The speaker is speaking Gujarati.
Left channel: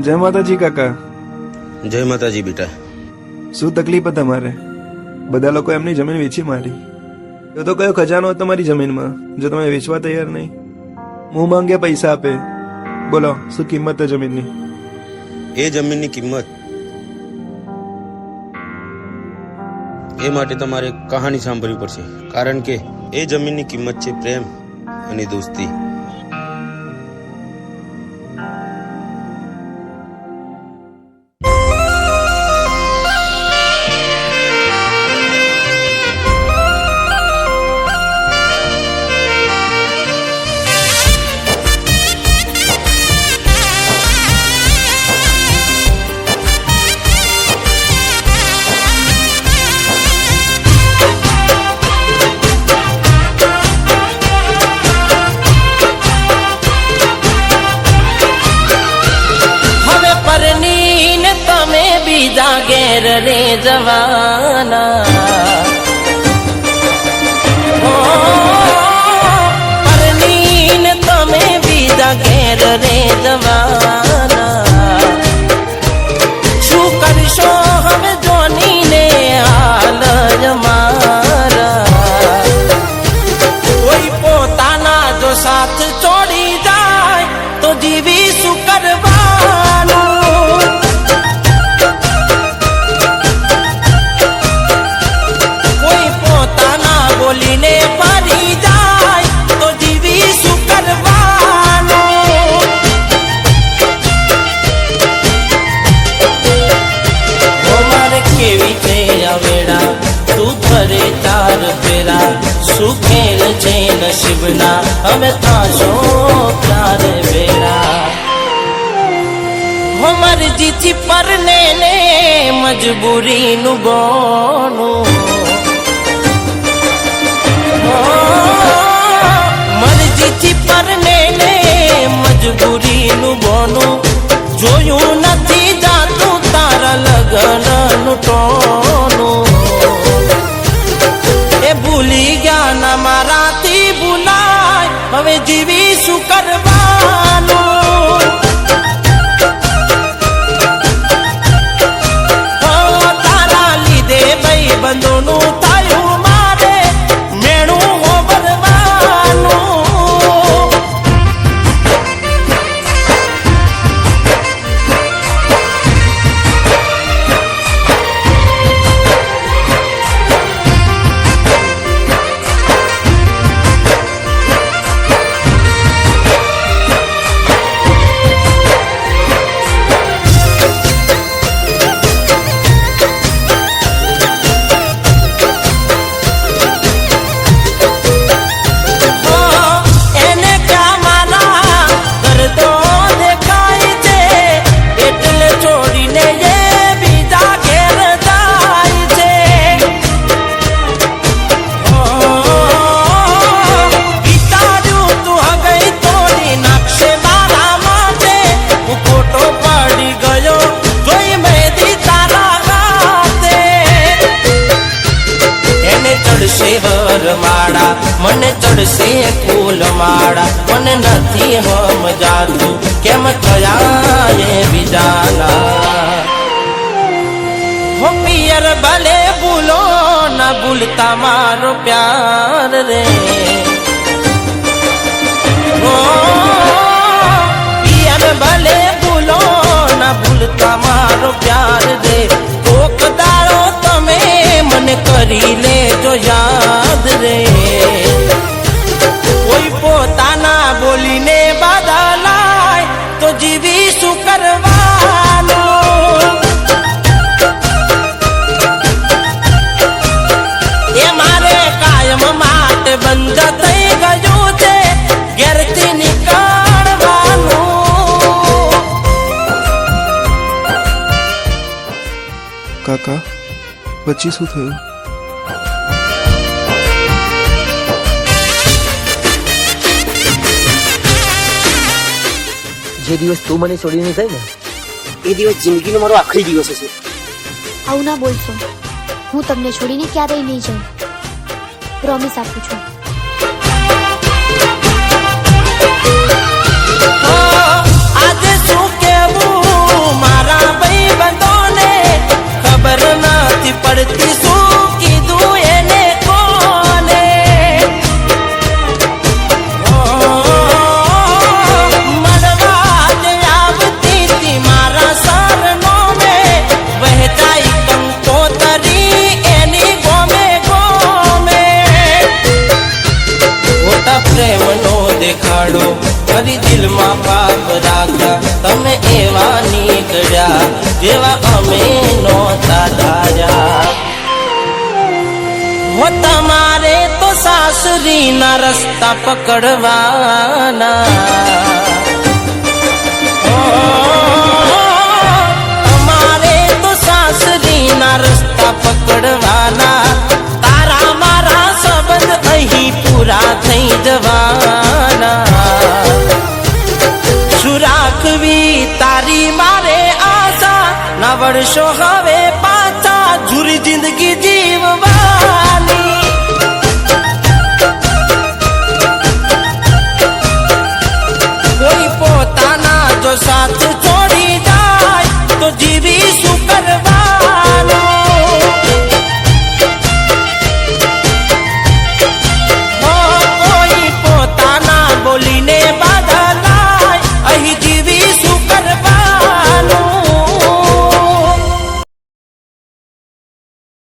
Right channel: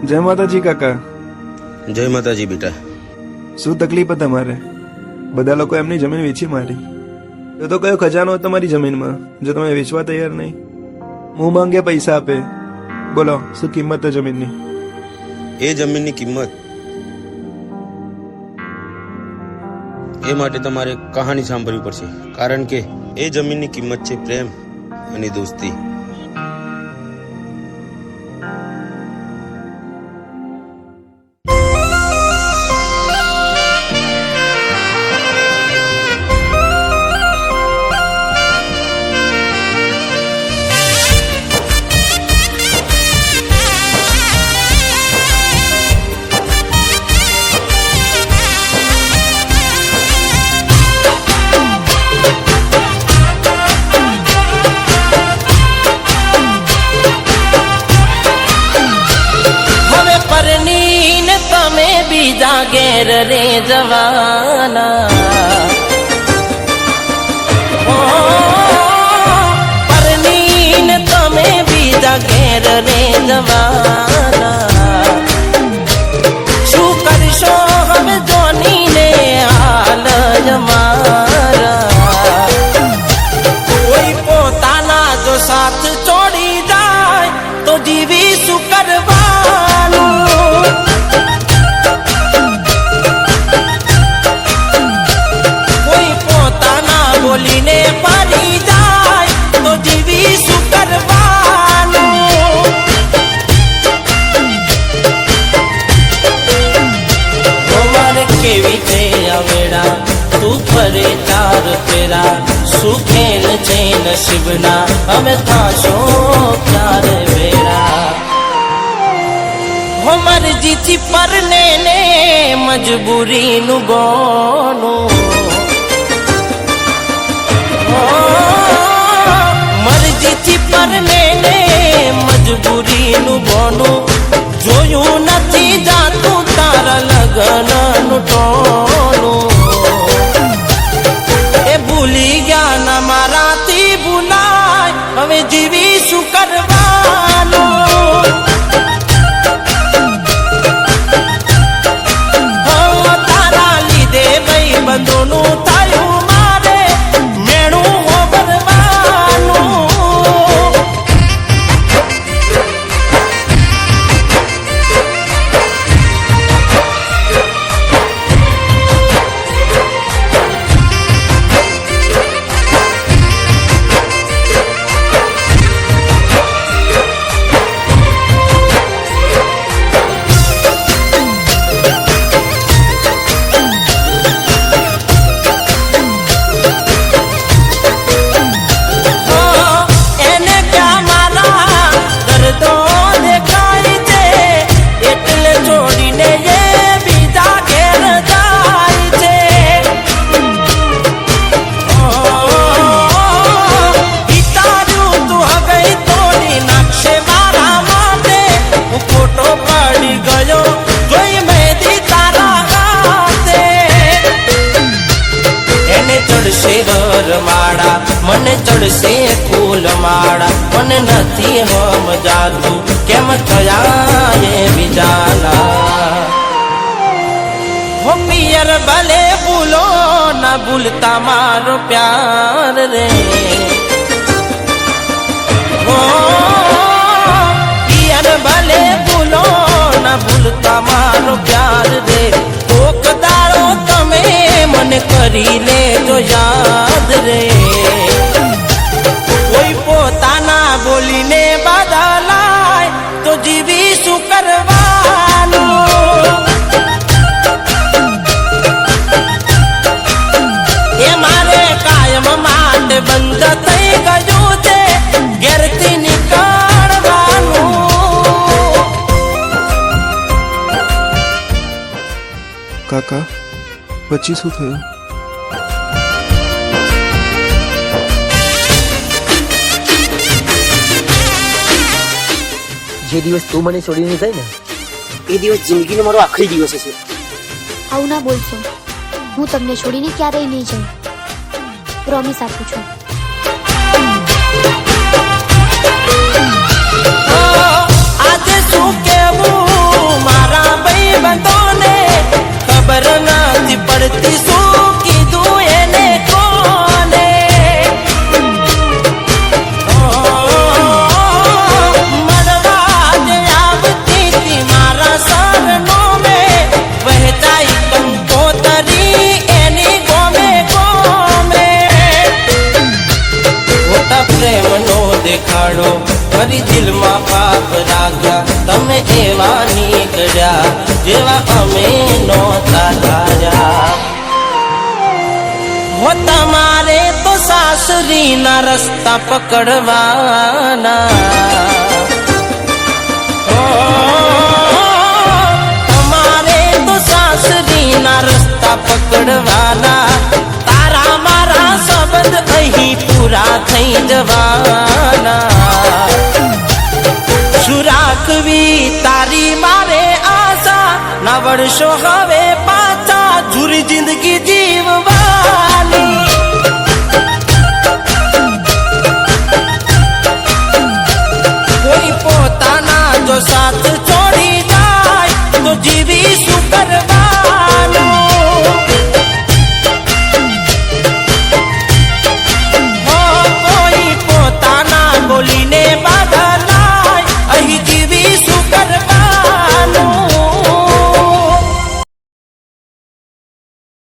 જય માતાજી કાકા. જય માતાજી બેટા. શું તકલીફ હતી તમારે? બધા લોકો એમની જમીન વેચી મારી. તો કયો ખજાનો તમારી જમીનમાં જો તમે વેચવા તૈયાર નહીં? હું માંગે પૈસા આપે. બોલો શું કિંમત છે જમીનની? એ જમીનની કિંમત એ માટે તમારે કહાની સાંભળવી પડશે, કારણ કે એ જમીનની કિંમત છે પ્રેમ અને દોસ્તી. મરજીથી પરને ને મજબૂરીનું ગોણું, મરજીથી પરને ને મજબૂરીનું ગોણું, જોયું નથી જાતું તારા લગનનું ટોણું. એ ભૂલી ગયા ના મારાથી ભૂલાય, હવે જીવી શું કરવાનું? મને ચડશે ફૂલ માળા, મને નથી સમજાતું કેમ થયા એ વિચારા. હો પિયર ભલે ભૂલો ના ભૂલતા મારો પ્યાર રે. ઓ પિયર ભલે ભૂલો ના ભૂલતા મારો પ્યાર રે. કોક દાડો તમે મને કરી લેજો યાદ રે. કોઈ પોતાના બોલીને બદલાય તો જીવી શું કરવાનું? એ મારે કાયમ માટે બંધ થઈ ગયું છે ઘેરથી નીકળવાનું. કાકા પછી શું થયું? જે દિવસ તું મને છોડીને ગઈ ને એ દિવસ જિંદગીનો મારો આખરી દિવસ હશે. આવું ના બોલશો. હું તમને છોડીને ક્યારેય નહીં જાઉં. પ્રોમિસ આપું છું. આજે શું કેવું ના રસ્તા પકડવાના